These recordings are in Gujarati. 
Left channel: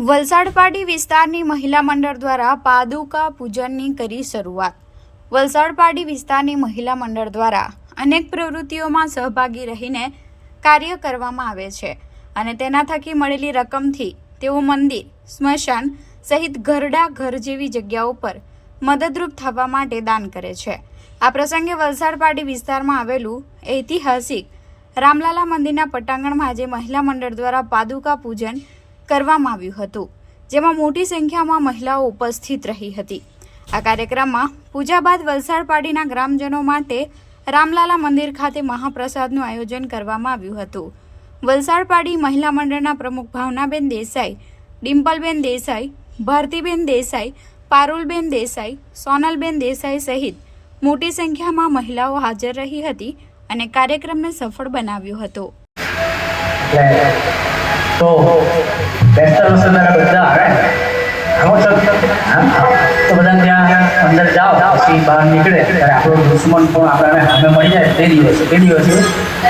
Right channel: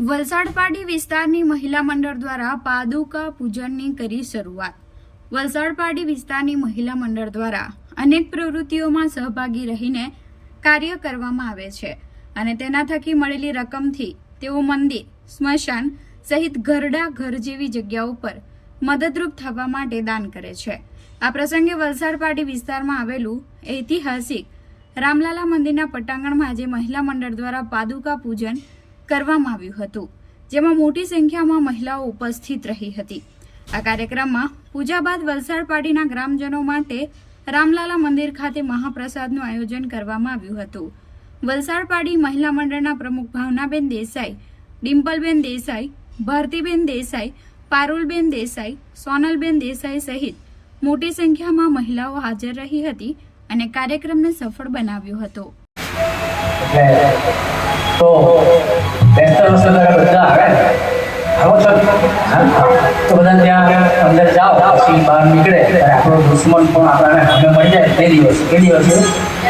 વલસાડ પાટી વિસ્તારની મહિલા મંડળ દ્વારા પાદુકા પૂજનની કરી શરૂઆત. વલસાડ પાટી વિસ્તારની મહિલા મંડળ દ્વારા અનેક પ્રવૃત્તિઓમાં સહભાગી રહીને કાર્ય કરવામાં આવે છે અને તેના થકી મળેલી રકમથી તેઓ મંદિર, સ્મશાન સહિત ઘરડા ઘર જેવી જગ્યાઓ પર મદદરૂપ થવા માટે દાન કરે છે. આ પ્રસંગે વલસાડ પાટી વિસ્તારમાં આવેલું ઐતિહાસિક રામલાલા મંદિરના પટાંગણમાં આજે મહિલા મંડળ દ્વારા પાદુકા પૂજન કરવામાં આવ્યું હતું, જેમાં મોટી સંખ્યામાં મહિલાઓ ઉપસ્થિત રહી હતી. આ કાર્યક્રમમાં પૂજા બાદ વલસાડ પાટીના ગ્રામજનો માટે રામલાલા મંદિર ખાતે મહાપ્રસાદનું આયોજન કરવામાં આવ્યું હતું. વલસાડ પાડી મહિલા મંડળના પ્રમુખ ભાવનાબેન દેસાઈ, ડિમ્પલબેન દેસાઈ, ભારતીબેન દેસાઈ, પારુલબેન દેસાઈ, સોનલબેન દેસાઈ સહિત મોટી સંખ્યામાં મહિલાઓ હાજર રહી હતી અને કાર્યક્રમને સફળ બનાવ્યો હતો. એટલે તો બેસ્ટર મસાલા બધા આવે ને ખબર છે? હા? તો બધા ત્યાં અંદર જાઓ, પછી બહાર નીકળે. ત્યારે આપણો દુશ્મન પણ આપણને સામે મળી જાય. તે દિવસે એ દિવસે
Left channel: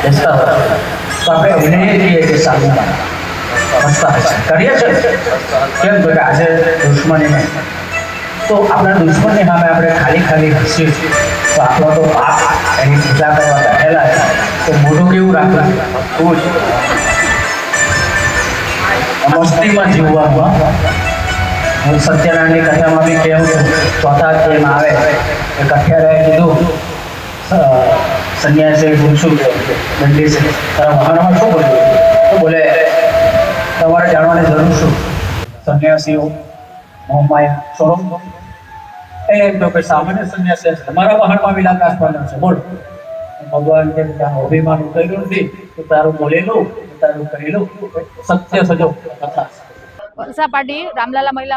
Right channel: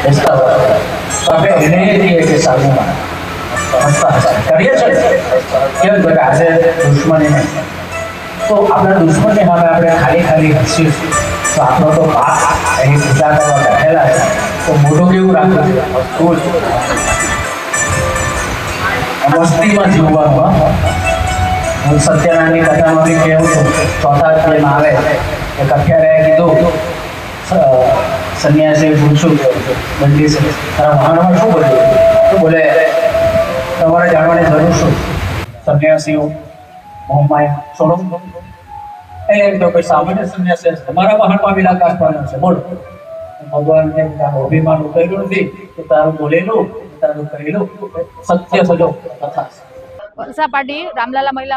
બેસતા હોય છે. તો આપણે એને કહીએ કે સારું હસતા હસતા કરીએ છે કેમ? તો કે આજે દુશ્મની નહીં તો આપણા દુશ્મનની સામે આપણે ખાલી ખાલી હસીએ. તો આપણો તો એની પૂજા કરવા બેઠેલા છે તો મોઢું કેવું રાખવું ખૂબ મસ્તીમાં જીવવામાં હું સત્યનારાયણની કથામાં બી કહેવું છું ચોથા પ્રેમ આવે એ કઠિયારાએ કીધું સંન્યાસી શું શું દંડી છે તારા શું કર્યું તો બોલે, તમારે જાણવાની જરૂર શું? સંન્યાસીઓ મોહમાયા છોડો એ રામલાલા મહિલા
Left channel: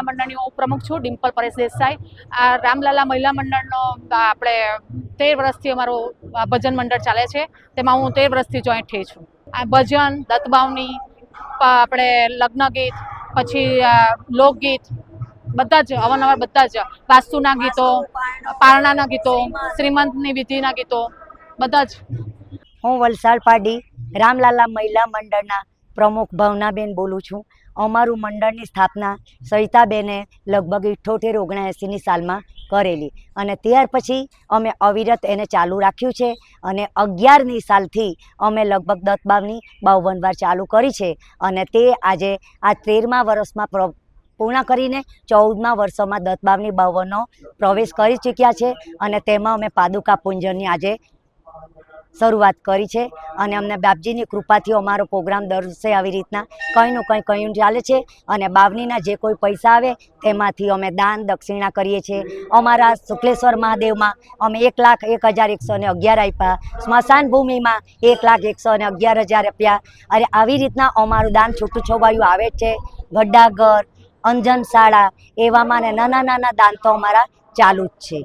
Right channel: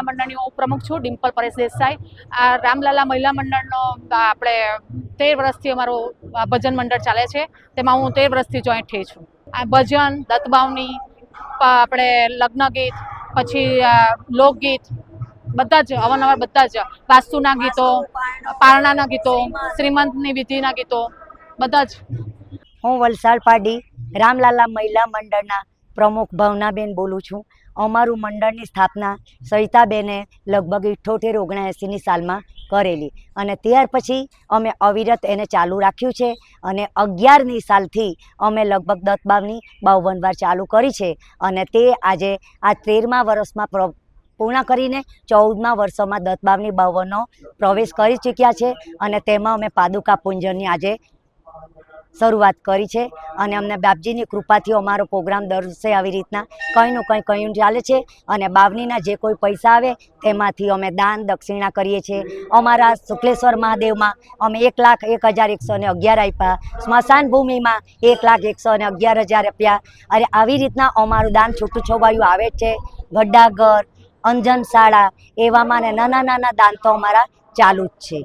મંડળની હું પ્રમુખ છું, ડિમ્પલ પરેશ દેસાઈ. આ રામલાલા મહિલા મંડળનો આપણે તેર વર્ષથી અમારું ભજન મંડળ ચાલે છે. તેમાં હું તેર વર્ષથી જોઈન્ટ થઈ છું. આ ભજન દત્તબાવની આપણે લગ્ન ગીત પછી લોકગીત બધા જ અવારનવાર બધા જ. વાસ્તુના ગીતો પારણાના ગીતો શ્રીમંતની વિધિના ગીતો બધા જ. હું વલસાડ પાડી રામલાલા મહિલા મંડળના પ્રમુખ ભાવનાબેન બોલું છું. અમારું મંડળની સ્થાપના સવિતાબેને લગભગ ઇઠ્ઠોતેર ઓગણએંસીની સાલમાં કરેલી. અને ત્યાર પછી અમે અવિરત એને ચાલુ રાખ્યું છે અને અગિયારની સાલથી અમે લગભગ દત્ત બાવની બાવન વાર ચાલુ કરી છે. અને તે આજે આ તેરમા વર્ષમાં પ્ર પૂર્ણ કરીને ચૌદમા વર્ષોમાં દત્ત બાવની પ્રવેશ કરી ચૂક્યા છે અને તેમાં અમે પાદુકા પૂંજનની આજે શરૂઆત કરી છે અને અમને બાપજીની કૃપાથી અમારો પ્રોગ્રામ દર વર્ષે આવી રીતના કંઈનું કંઈ કંઈ ચાલે છે અને બાવનીના જે કોઈ પૈસા આવે તેમાંથી અમે દાન દક્ષિણા કરીએ છીએ. અમારા શુક્લેશ્વર મહાદેવમાં અમે એક લાખ એક હજાર એકસો ને અગિયાર આપ્યા. સ્મશાન ભૂમિમાં એક લાખ એકસો ને અગિયાર હજાર આપ્યા. અને આવી રીતના અમારું દાન છૂટું છવાયું આવે છે. ગड्ढાઘર અંજન શાળા એવામાં ને નાના નાના દાન તો અમારા ચાલુ જ છે.